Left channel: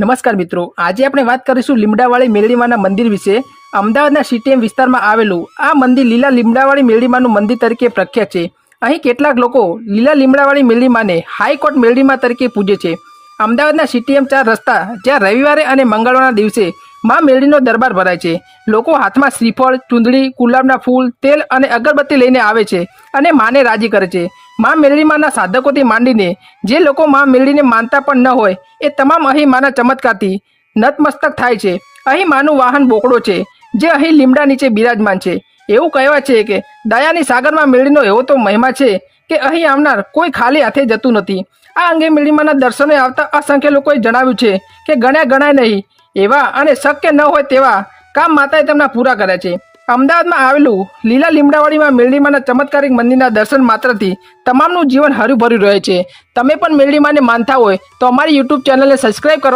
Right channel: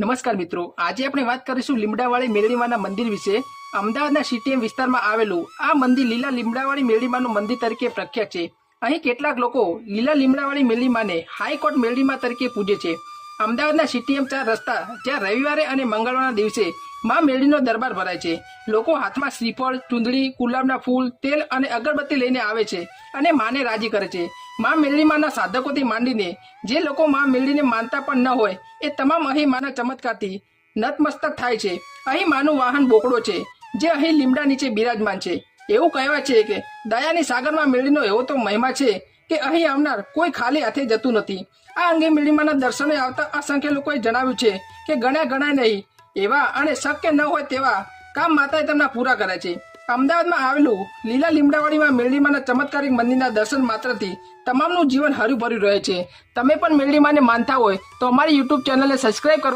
નમસ્કાર મિત્રો, આજે આપણે વાત કરીશું લીમડાવાળી મેરડીમાના મંદિર વિશે। અમદાવાદના સીટીએમ વિસ્તારમાં આવેલું આ મંદિર લીલા લીમડાવાળી મેરડીમાનું મંદિર તરીકે પ્રખ્યાત છે। અહીં કેટલાક લોકો લીલા લીમડાવાળી મેરડીમાને હાઈકોર્ટ મેરડીમા તરીકે પૂજે છે। અમદાવાદના સીટીએમ 4 રસ્તા જ્યાં રવિવારે અને મંગળવારના દિવસે મા મેરડીનો દરબાર ભરાય છે। લોકો હાથમાં શ્રીફળ, ચૂંદડી, ગુલાબના ફૂલ, તેલ અને અગરબત્તી લઈને આવે છે અને માને રાજી કરે છે। મા મેરડીમાના સાધકોથી માંડીને જે લોકો મા મેરડીને માનતા પણ ન હોય એ તમામ અહીં માના ચમત્કારથી નતમસ્તક થાય છે। અહીં માનું વાહન બોકડો છે જે અહીં લીમડા નીચે બિરાજમાન છે। એવું કહેવાય છે કે દયાની સાગરમાં મેરડીનો એવો તો મહિમા છે કે અહીં આવનાર કોઈ ખાલી હાથે જતું નથી। આ અંગે મેરડીમાના દર્શને આવતા અસંખ્ય લોકોએ જણાવ્યું છે કે ગણ્યા ગણાય નહીં એવા અને શક્ય ન હોય તેવા કામ માતાએ તેમના પૂરા કર્યા છે। અમદાવાદમાં આવેલું લીલા લીમડાવાળીમાં મેરડીમાના ચમત્કારિક મંદિરના દર્શન માત્રથી તમામનું જીવન હર્યુભર્યું રહે છે। તમે પણ મેરડીમાને માનતા હોય તો અમારી યુટ્યુબ ચેનલને સબસ્ક્રાઈબ કરો।